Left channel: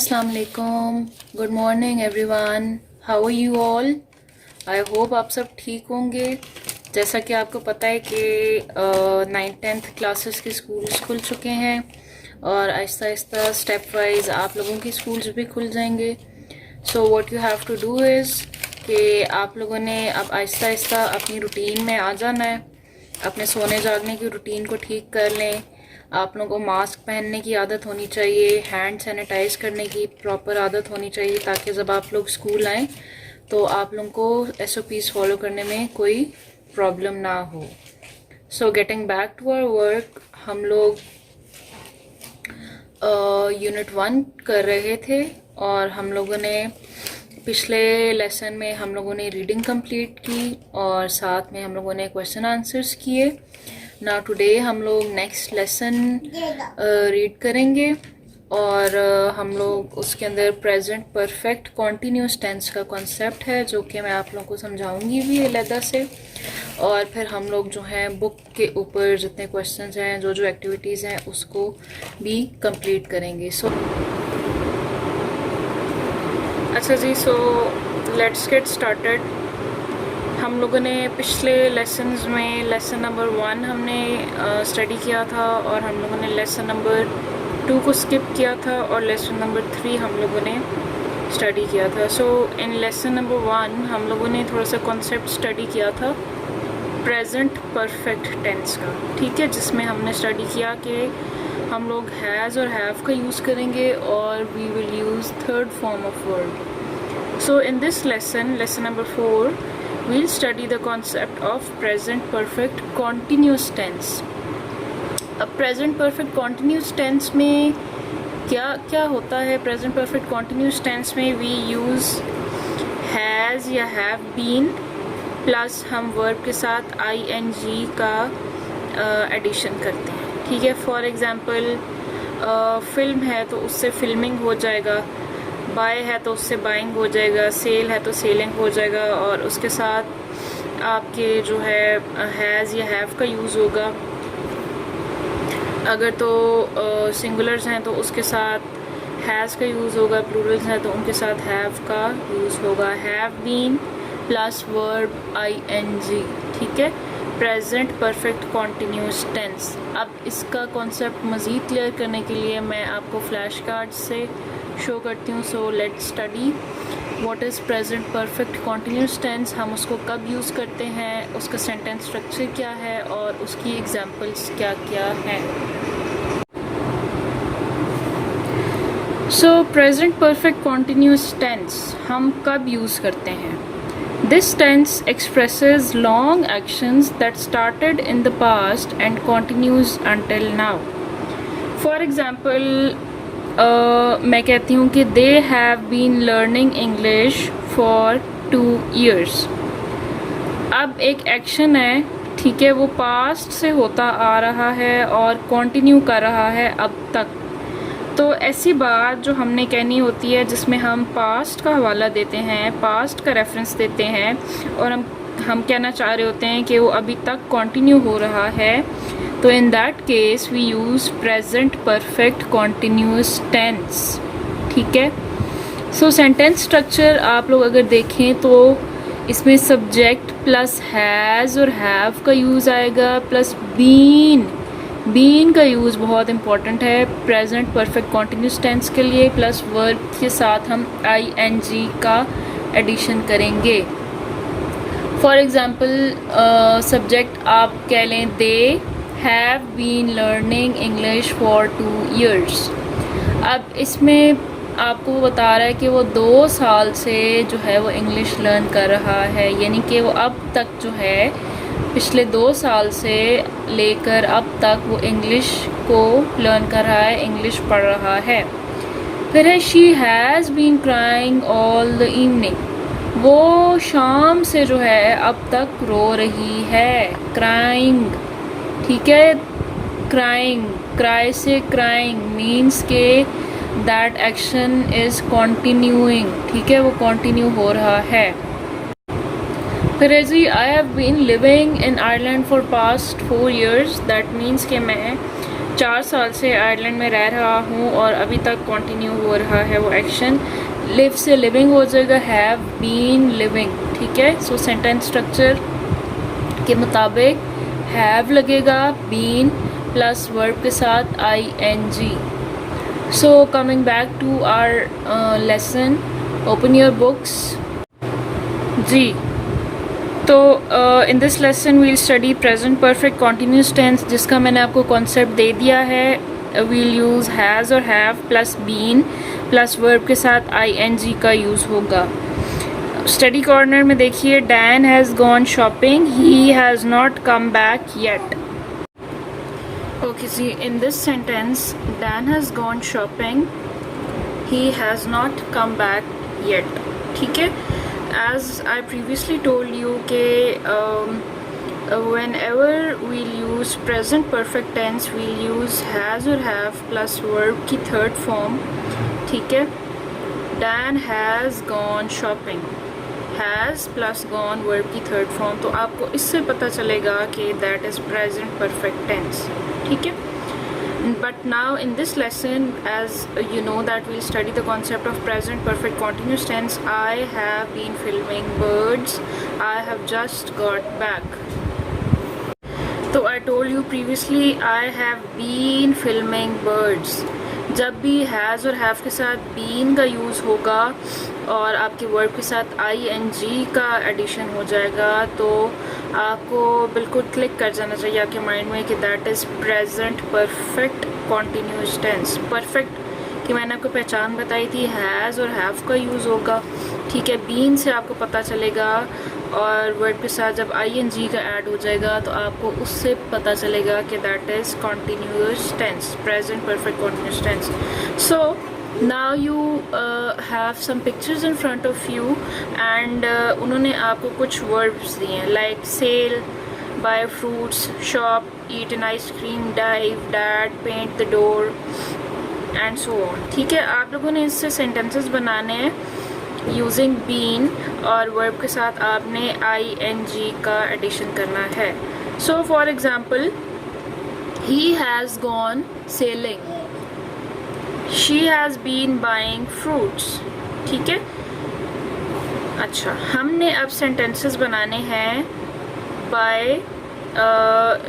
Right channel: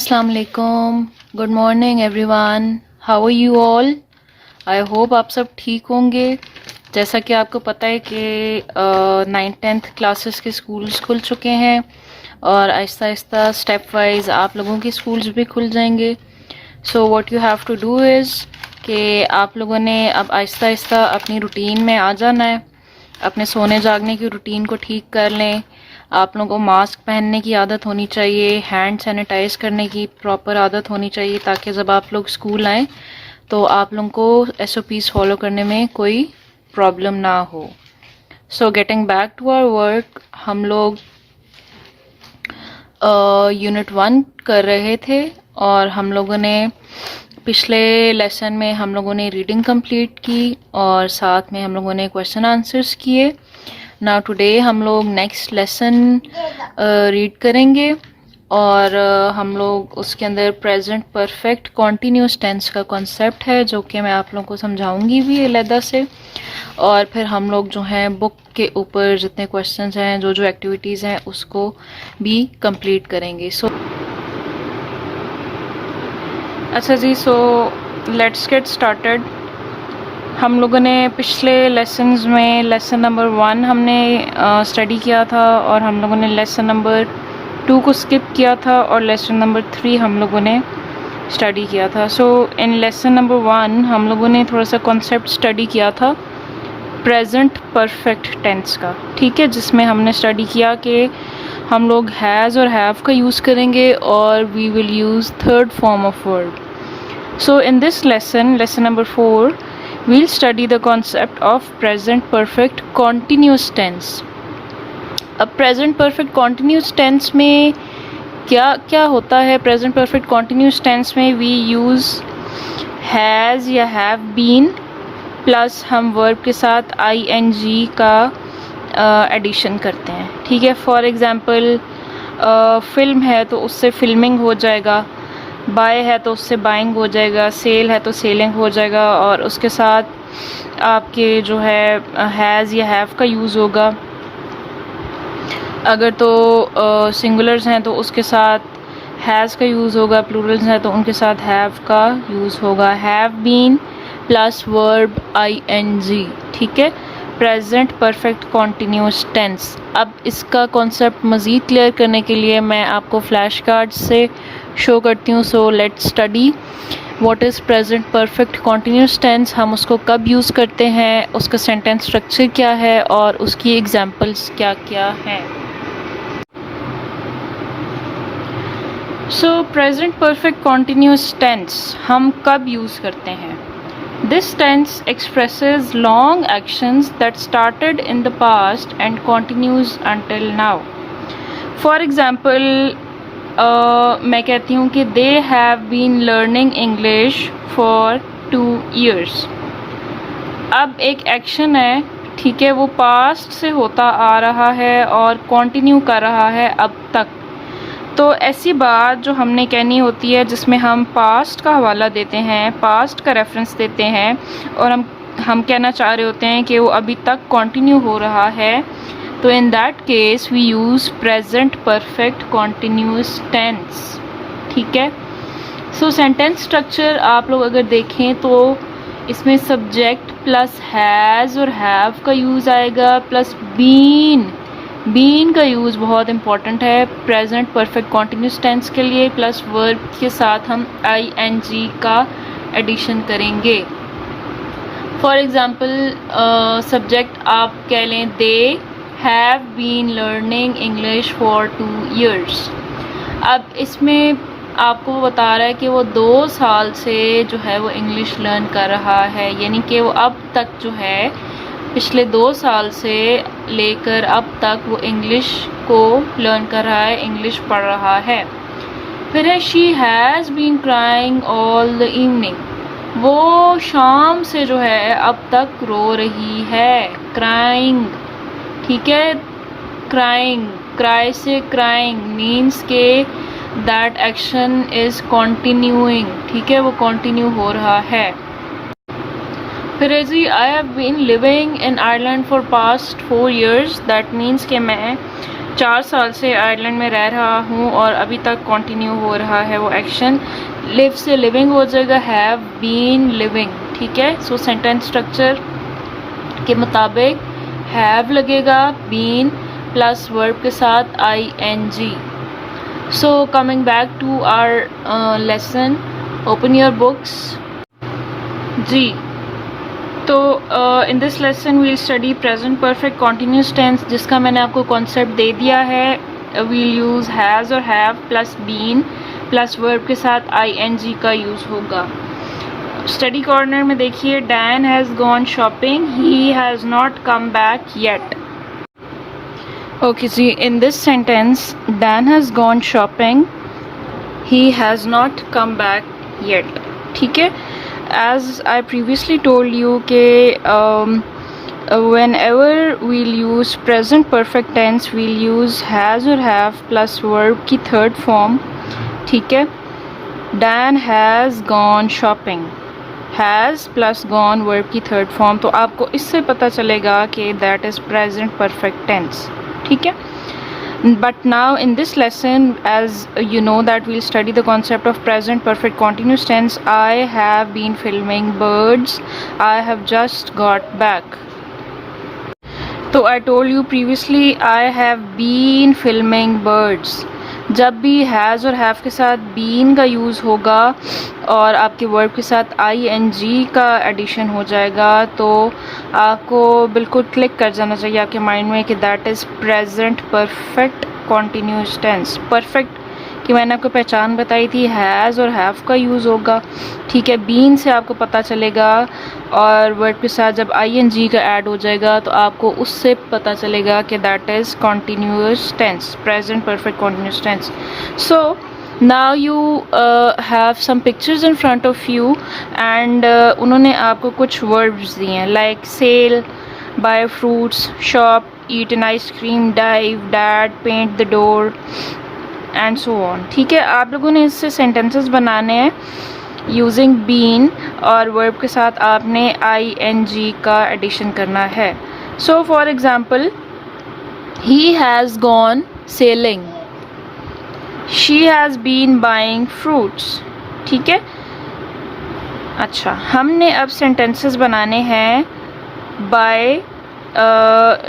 अस्सलाम वालेकुम, good morning everyone, how are you all. I hope आप सब ठीक होंगे। जैसा कि आपको पता है कि 9th-10th क्लासेस के स्कूल्स खुल चुके हैं और आहिस्ता आहिस्ता स्टेप वाइज आप लोगों के स्कूल्स भी खुल जाएंगे। So what you have to do is कि आप लोगों ने अब आहिस्ता आहिस्ता अपनी रूटीन में आ जाना है। अपने सोने जागने की रूटीन को ठीक कर लें। आप लोगों को मास्क पहनने की आदत होनी चाहिए, हैंड सैनिटाइज करने की प्रॉपर आदत होनी चाहिए, ताकि जब आप लोग स्कूल आएँ तो आप लोगों को SOPs फॉलो करने में कोई प्रॉब्लम ना हो। So getting back to our work, हम लोग यूनिट 1 कर रहे थे और हम लोगों ने पिछले लेसन में हम लोगों ने रीडिंग कंप्लीट की और साथ में हम लोगों ने क्वेश्चन आंसर्स किए। नाउ टुडे हम लोग नेक्स्ट लेसन रीड करेंगे और हम लोग उसके अंदर प्रेजेंट परफेक्ट कॉन्टीन्यूस टेंस का कॉन्सेप्ट है, जो कि मैं आप लोगों को समझाऊंगी भी अलहदा से। और फिर हम लोग जो हैं बुक के ऊपर जितने क्वेश्चंस हैं, जो जो एक्टिविटीज़ हैं, उसको भी कंप्लीट करेंगे। सो अच्छा जी, सो लेट्स गेट स्टार्टेड। हम लोगों ने पिछले लेसन्स में लेसन नंबर 1 हमने स्टडी किया था और हम लोगों ने लेसन नंबर 2 को स्किप किया था और लेसन नंबर 3 हम लोगों ने स्टडी किया था। सो इन लेसन नंबर 1 हम लोगों ने थोड़ा सा कॉन्सेप्ट स्टडी किया था प्रेजेंट परफेक्ट टेंस का, ठीक है, जिसमें हमने स्टडी किया कि हम लोग हैज़ और हैव का यूज़ करेंगे और we will use third form of word. So in this lesson, lesson number 4, we'll study the concept of present perfect continuous tense। अब present perfect continuous tense में क्या क्या होता है? present perfect continuous tense में we use has या have been plus हम verb के साथ ing का एडिशन करते हैं, ठीक है। फॉर एग्ज़ाम्पल फिल्म है तो उससे फिल्मिंग हो जाएगा, बाय है तो उससे बाइंग हो जाएगा, सेल है तो सेलिंग हो जाएगा और उसके साथ आपके जो है हैज़ या हैव का यूज़ होगा। अगर तो सिंगुलर्स हैं तो उसके साथ हैज़ का यूज़ होगा, प्लूरल्स हैं तो उनके साथ हैव का यूज़ होगा। Have been plus verb ing, ठीक है, प्रेजेंट परफेक्ट कॉन्टीन्यूस टेंस। अब इसका कॉन्सेप्ट मज़ीद क्लियर करने के लिए मैं आपको फ्लैश कार्ड से शो करती हूँ। So let's study what is present perfect continuous tense, हम उसको कब यूज़ करते हैं, उसका सेंटेंस स्ट्रक्चर क्या है और उसकी एग्जांपल्स क्या क्या हैं। So present perfect continuous tense हम कब यूज़ करते हैं? This tense expresses long actions that started in the past and continues until now. For example, मैं कहती हूँ कि they have been learning English for 2 years। अब एक एक्शन है, ठीक है, वो पास्ट से होता आ रहा है और कंटिन्यू कर रहा है अब तक। तो ऐसी बात जो हमने कहनी होती है जिसमें हम पास्ट का हवाला देते हैं, पास्ट का रेफरेंस देते हैं और हम कहना चाह रहे होते हैं कि वो अभी तक कंटिन्यू हो रहा है, तो in that case we use present perfect continuous tense, ठीक है। सो सेंटेंस स्ट्रक्चर आप लोग अगर देखें तो इसमें सब्जेक्ट प्लस हैज़ और हैव का यूज़ आएगा, प्लस बीन का यूज़ बहुत इंपॉर्टेंट है प्रेजेंट परफेक्ट कॉन्टीन्यूस टेंस के लिए, प्लस वर्ब के साथ हम ing का एडिशन करेंगे। फॉर एग्ज़ाम्पल सब्जेक्ट आप कह लें they have been learning English for 2 years। अब इसमें आपको वो बता रहा है कि वो 2 साल से जो है वो इंग्लिश लर्न कर रहा है, यानी कि वो अब तक जो है पिछले 2 साल से लेकर अब तक वो इंग्लिश को लर्न कर रहा है, इंग्लिश पढ़ रहा है। फिर है she has been crying all the evening, वो शाम से जो है अब तक रो रही है, क्राइंग, ठीक है। क्राइंग, क्राई से क्राइंग मीन्स के दैट एक्शन इज कंटिन्यूइंग, ठीक है, वो कंटिन्यू हो रहा है। फिर है जी I have been living in Ireland for past 4 years, that means कि मैं 4 साल से आयरलैंड में रह रहा हूँ और अभी तक कंटिन्यू हो रहा है वो एक्शन। लिव से लिविंग हो जाएगा, हैव बीन लिविंग, ठीक है। सो सेंटेंस स्ट्रक्चर के मुताबिक हैव लगेगा बीन प्लस वर्ब के साथ ing। So coming back to our lesson, open your books. जी, तो in this lesson we'll study present perfect continuous tense, जिसका मैंने आपको कॉन्सेप्ट दे दिया है। वील यूज़ हैज़ और have plus been plus verb के साथ ing का यूज़ होगा। स्टडी कॉर्नर में देखिए, Dan has gone shopping, he has not come back yet. Okay जी, in this sentence Dan has gone shopping, he has not come back yet, ठीक है। As I previously told you कि whenever we'll use present perfect tense we'll use has or have plus verb की third form, ठीक है। Dan has gone shopping, has plus gone verb की third form, तो आपको इससे पता चलेगा कि that is present perfect tense, ठीक है। But now in this lesson, as you know that we'll study the concept of present perfect continuous tense. I have been filming birds, I have just got back. So I told you previously I have been filming birds. जब भी has और have के साथ been का use होगा और आपके verb के साथ ing का एडिशन हो जाएगा, तो आपको बिल्कुल क्लिक कर जाना चाहिए आपके माइंड में कि that is present perfect continuous tense. Perfect की मैंने आपको पहचान बताई थी, हैज़ और हैव का यूज़ होगा, ठीक है। बीन से आपको पता चलेगा और वर्ड के साथ जब ing का ऐड हो जाएगा तो आपको उससे पता चलेगा कि that is continuous tense, present perfect continuous tense. So now you have some pictures in front of you and उन्होंने आपको कुछ वर्ड्स दिए हैं, like sell, buy fruits, shop, eat an ice cream, dive, dad, paint the door and so on, ठीक है। आप लोगों ने इससे सेंटेंसेस बनाने हैं यूजिंग बीन और वर्ब के साथ आपने ing का एडिशन करना है। So for example, he has gone selling, she has been buying fruits, ठीक है। अच्छा, हमने अब सेंटेंसेस बनाने हैं by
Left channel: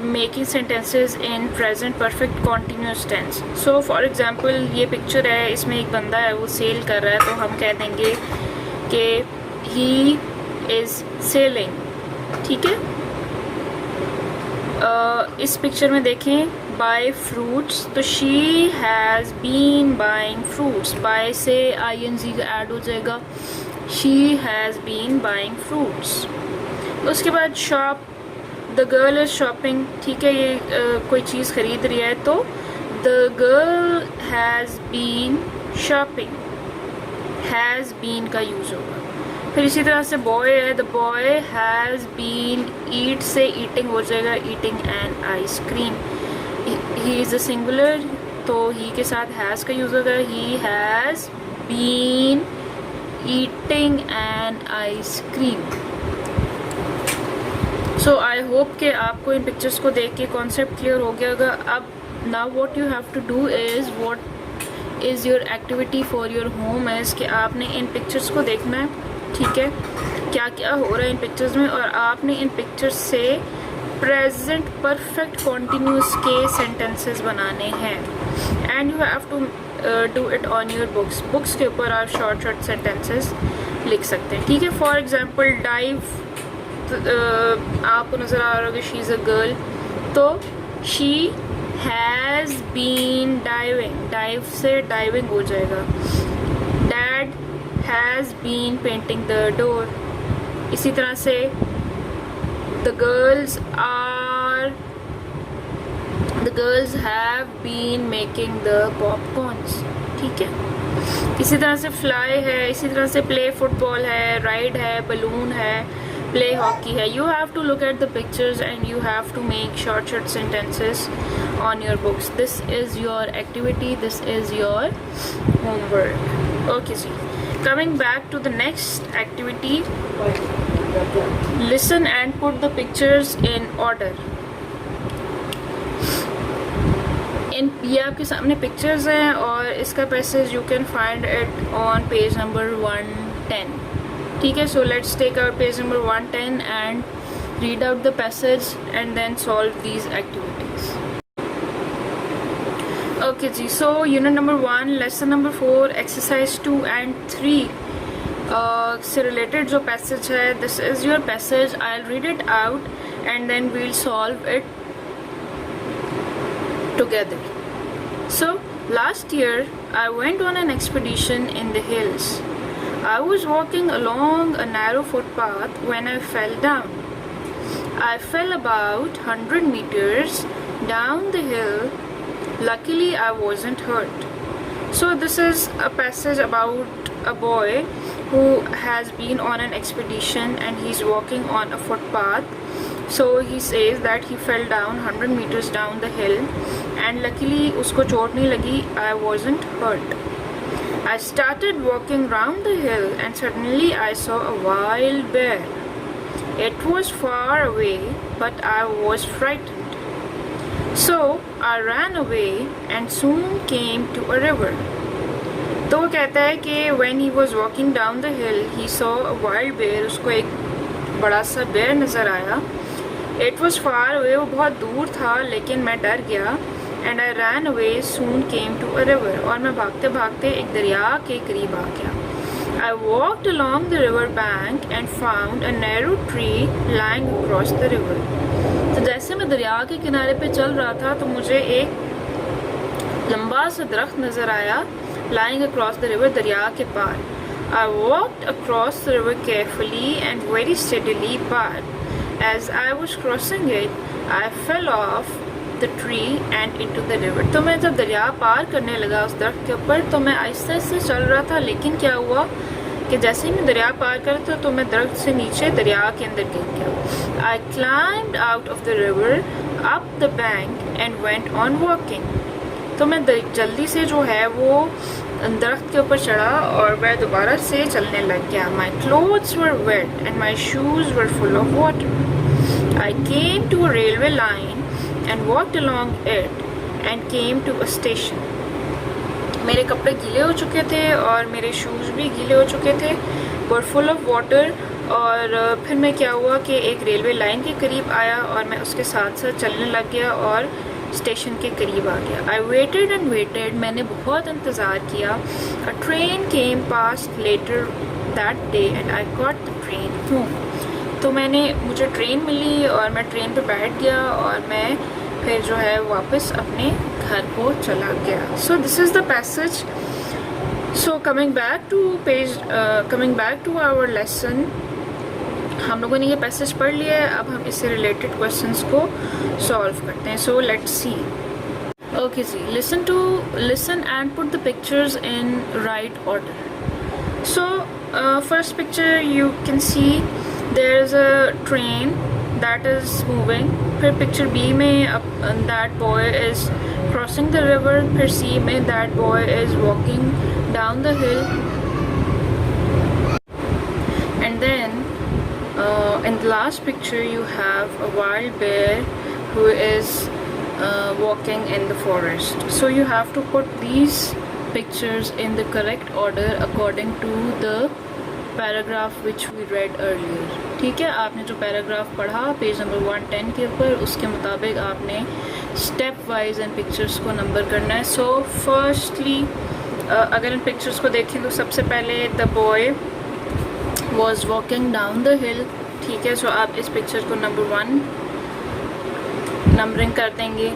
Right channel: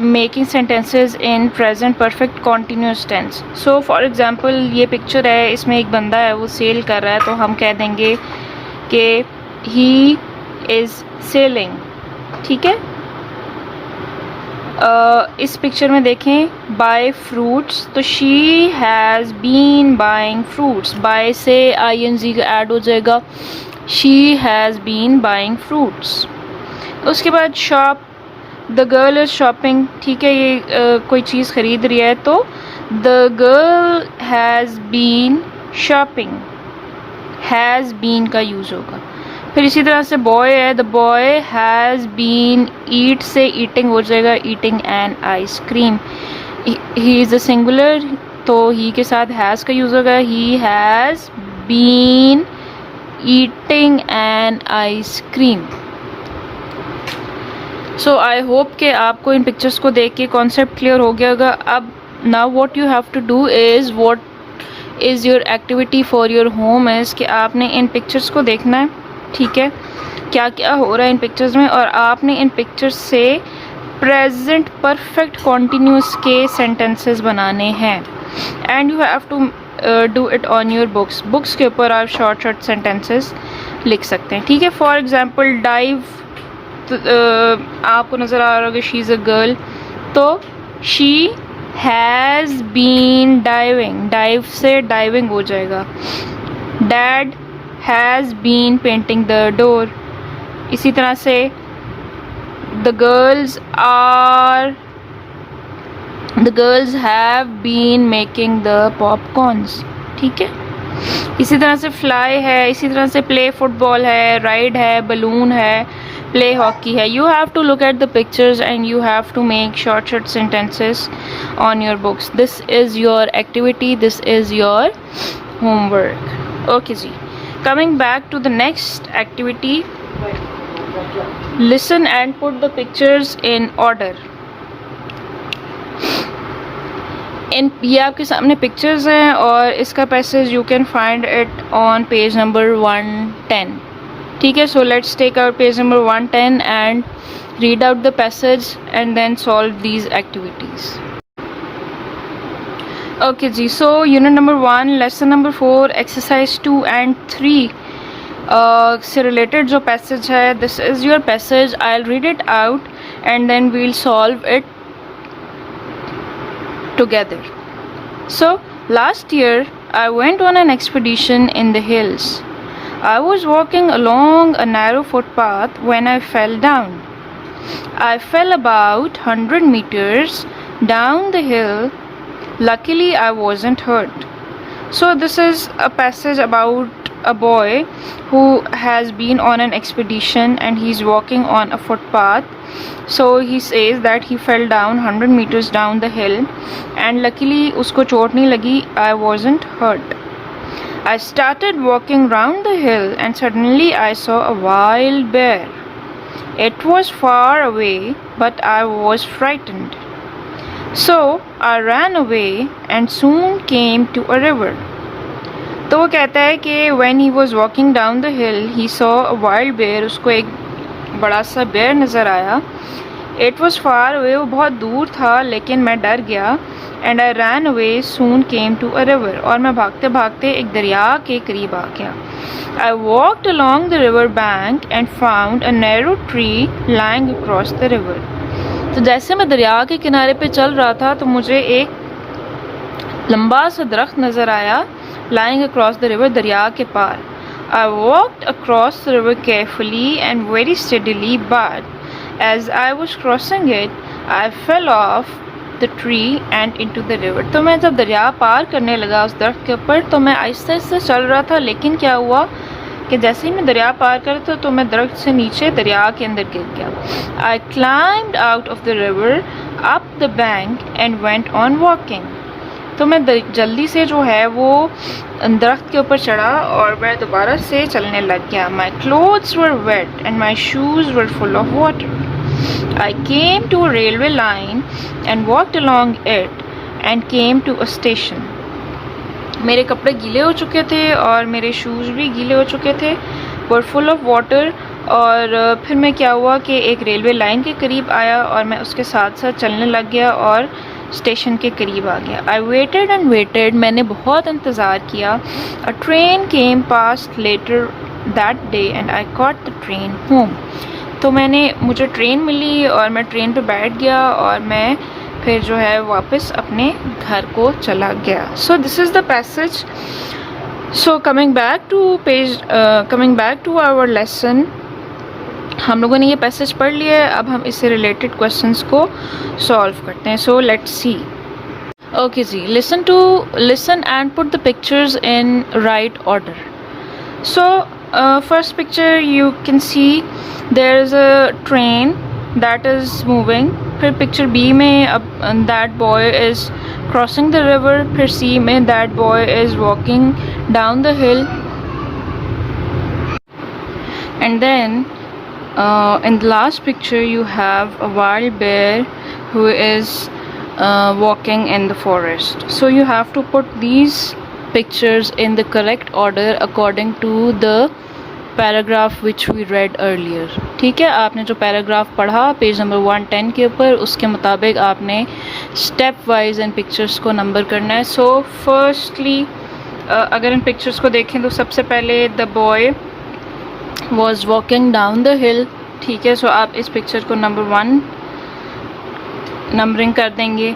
making sentences in present perfect continuous tense. So for example, ये पिक्चर है, इसमें एक बंदा है वो सेल कर रहा है, तो हम कह देंगे कि ही इज़ सेलिंग, ठीक है। इस पिक्चर में देखें, बाय फ्रूट्स, तो she has been buying fruits, buy से ing का ऐड हो जाएगा, she has been buying fruits. उसके बाद shop, the girl is shopping, ठीक है, ये कोई चीज़ ख़रीद रही है, तो the girl has been shopping, has been का यूज़ होगा। फिर इसी तरह से बॉय है, the boy has been, eat से ईटिंग हो जाएगा, eating an ice cream. He is a singular, तो ही के साथ हैज़ का यूज़ होगा, he has been eating an ice cream. So I hope कि आपको इन पिक्चर्स को देख के कॉन्सेप्ट क्लियर हो गया होगा। अब now what you have to do is, what is your activity for your home is कि आपने इन पिक्चर्स को देखना है, ठीक है, क्या क्या हो रहा है इन पिक्चर्स में, और आपने इन पिक्चर्स से प्रेजेंट परफेक्ट कॉन्टीन्यूस के सेंटेंसेस बनाने हैं and you have to do it on your books. Books के ऊपर आप शॉर्ट शॉर्ट सेंटेंसेस लिख सकते हैं, ठीक है। फॉर एग्जांपल, डाइव, आपको नज़र आ रहा होगा शी इज़ अ गर्ल, तो she has been diving, dive से डाइविंग हो जाएगा। Dad has been painting the door. इसी तरह से the girls have been making the popcorns, ठीक है। इसी तरह से फ्लाई है, इसी तरह से प्ले फुटबॉल है, राइड है, बलून है, प्ले हॉकी है। You have to look at the pictures and you have to make short sentences on your books. This is your activity, this is your homework. Okay जी, coming back to the next activity, listen and put the pictures in order. इन ये आपके सामने pictures हैं और इसका passage you can find it on page number 110. ठीक है, so let's take out page number 110 and read out the passage and then solve these activities. Okay जी, so unit number 1 lesson number 4 exercise 2 and 3 से related जो passage है, this is your passage. I will read it out and then we will solve it together. So last year I went on an expedition in the hills. I was walking along a narrow footpath when I fell down. I fell about 100 meters down the hill. Luckily I wasn't hurt. So this is a passage about a boy who has been on an expedition and he's walking on a footpath. So he says that he fell down 100 meters down the hill and luckily उसको चोट नहीं लगी. I wasn't hurt. I started walking round the hill and suddenly I saw a wild bear. It was far away but I was frightened. So I ran away and soon came to a river. तो वो कहता है कि when he was walking down the hill he saw a wild bear. उसको एक बड़ा सा बेर नज़र आया. It was far away, वो बहुत दूर था लेकिन मैं डर गया. And I ran away, soon came to a river. और मैं भागते भागते एक दरिया के करीब आ गया. I walked along the river bank and found a narrow tree lying across the river. तो जैसे मैं दरिया के किनारे पे चल रहा था तो मुझे एक लंबा सा दरख्त नज़र आया. Lying across the river, दरिया के पार. I walked across the river carefully and very steadily, but as I was crossing it, I fell off the tree and into the river. तो मैं जब दरिया पार करने लगा उस दरख्त के ऊपर तो मैं आहिस्ते आहिस्ते चल रहा था, लेकिन क्या हुआ कि जैसे ही मैं दरिया पार करता तो मैं दरख्त से नीचे दरिया के अंदर गिर गया. I climbed out of the river up the bank and went on walking. तो मैं जल्दी से जो है वो दरख्त के ऊपर चढ़ा और मैं दोबारा से चलने लग गया. My clothes were wet and my shoes were full of water. I came to a railway line and walked along it and came to a station. मेरे कपड़े गीले हो चुके थे और मेरे शूज़ भी गीले हो चुके थे, were full of water. और फिर मैं क्या हुआ कि एक रेलवे लाइन के करीब आया और मैं उसके साथ साथ चलने लग गया और स्टेशन के करीब आ गया. I waited and waited. मैंने बहुत इंतज़ार किया. A train came past later that day and I caught the train home. तो मुझे ट्रेन मिली और मैं ट्रेन पे बैठ गया और मैं फिर जो है वापस अपने घर को चला गया. So this is the passage. So coming back to our lesson, हम लोगों ने ये पैसेज पढ़ लिया है. अब हम इससे रिलेटेड क्वेश्चंस को सॉल्व करते हैं. So let's see. ओके जी, listen and put the pictures in right order. So first picture you can see there is a train that is moving. फिर पिक्चर बी में that boy is crossing the river. फिर C में that boy is walking down the hill. And then in the last picture you have a wild bear who is walking in the forest. So you have to put these pictures in the correct order according to the paragraph which we read earlier. ठीक है, आपने जो paragraph पढ़ा page number 110 के ऊपर, उसके मुताबिक आपने स्टेप वाइज इन पिक्चर्स को नंबर करना है. सो फर्स्टली अगर इन पिक्चर्स को देखें तो सबसे पहले the boy was walking down the hill. ठीक है, सो आप इस पिक्चर को नंबर 1 नंबरिंग कर देंगे.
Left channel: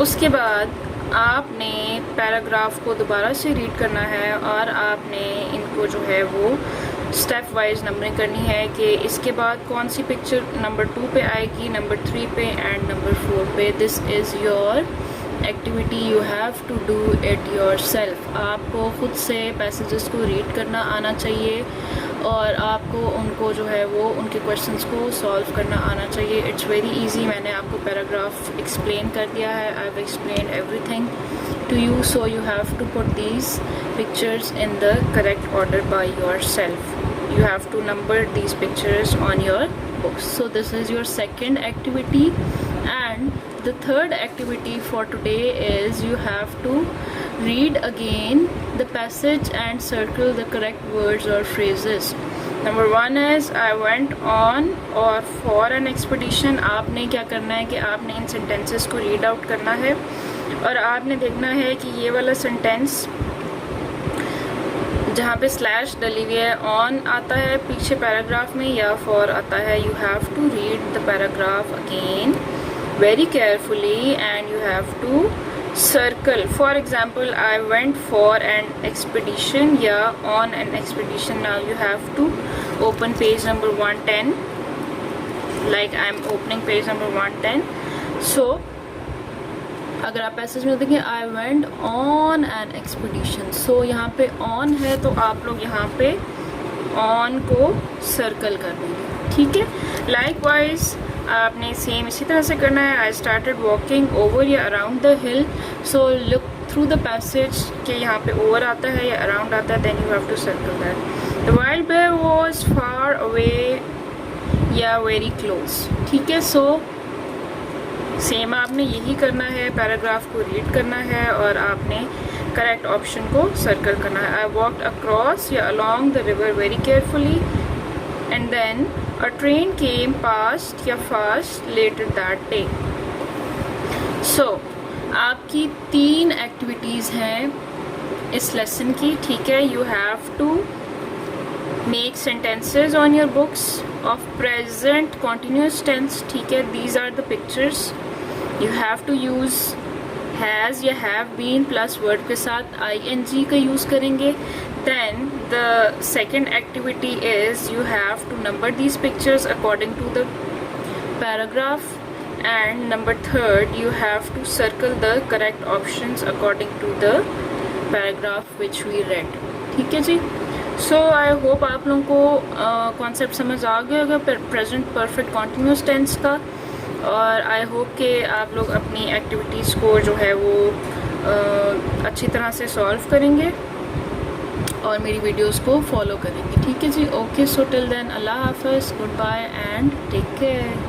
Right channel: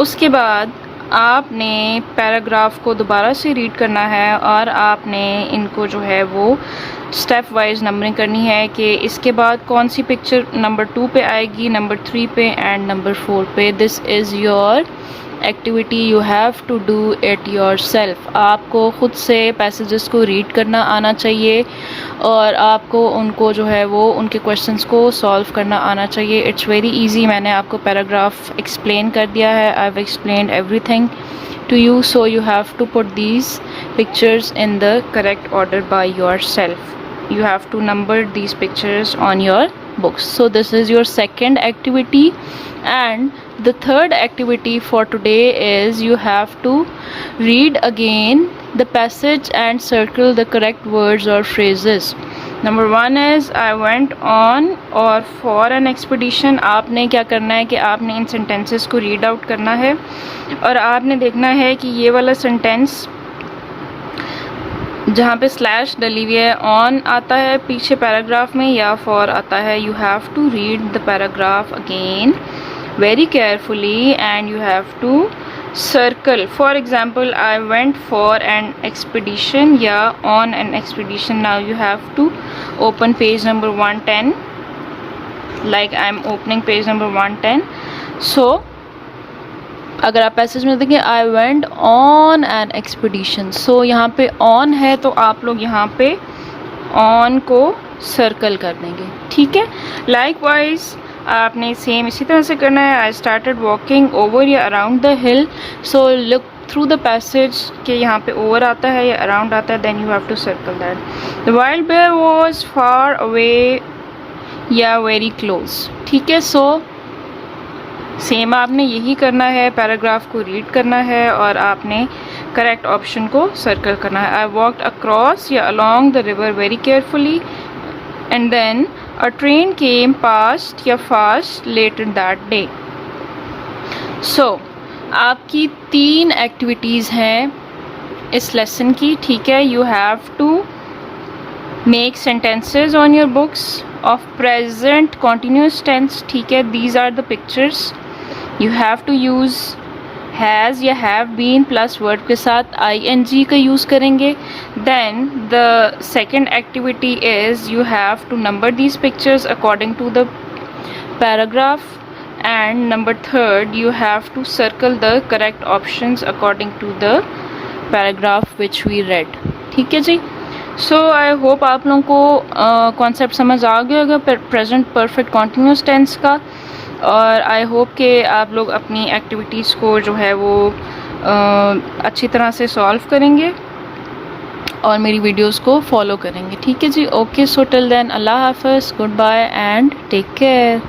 उसके बाद आपने पैराग्राफ को दोबारा से रीड करना है और आपने इनको जो है वो स्टेप वाइज नंबरिंग करनी है कि इसके बाद कौन सी पिक्चर नंबर 2 पे आएगी, नंबर 3 पे एंड नंबर 4 पे. This is your activity. You have to do it yourself. आपको ख़ुद से पैसेजेस को रीड करना आना चाहिए और आपको उनको जो है वो उनके क्वेश्चंस को सॉल्व करना आना चाहिए. It's very easy. मैंने आपको पैराग्राफ एक्सप्लेन कर दिया है. I have explained everything to you, so you have to put these pictures in the correct order by yourself. You have to number these pictures on your books. So this is your second activity, and The third activity for today is you have to read again the passage and circle the correct words or phrases. Number 1 is I went on or for an expedition. आपने क्या करना है कि आपने इन sentences को read out करना है और आपने देखना है कि ये वाला sentence जहाँ पे स्लैश डली हुई है ऑन आता है पीछे पैराग्राफ में या फॉर आता है. You have to read the paragraph again very carefully and you have to circle. For example, I went for an expedition, yeah, on an expedition. Now you have to open page number 110 like I'm opening page number 110. So अगर आप passage में देखें I went on an expedition, so यहाँ पे on है तो आप लोग यहाँ पे on को सर्कल कर देंगे. ठीक है. Likewise आपने सेम इसी तरह से करना है. आई स्टार्टेड वॉकिंग ओवर या around the hill, so look through the passage के यहाँ पे ओवर आता है या अराउंड आता है, then you have to circle that. The wild bear was far away या वेरी क्लोज. ठीक है. सो सेम आपने यही करना है, पैराग्राफ को रीड करना है और आपने करेक्ट ऑप्शन को सर्कल करना है. आई वॉकड अक्रॉस या along the river very carefully and then a train came past या fast later that day. So आपकी 3 एक्टिविटीज़ हैं इस लेसन की. ठीक है. you have to make sentences on your books of present continuous tense. ठीक है. these are the pictures. you have to use has या हैव बीन प्लस वर्ड के साथ ing का यूज़ करेंगे. Then the second activity is you have to number these pictures according to the paragraph. And number third you have to circle the correct options according to the paragraph which we read. ठीक है जी. सो I hope आप लोगों को concept समझ आ गया होगा present perfect continuous tense का. और आई होप कि आप लोग अपनी एक्टिविटीज़ को जो है वो अच्छी तरह से सॉल्व करेंगे और मेरी वीडियोस को फॉलो करेंगे. ठीक है जी. ओके. सो टिल देन अल्लाह हाफ़िज़, goodbye and take care.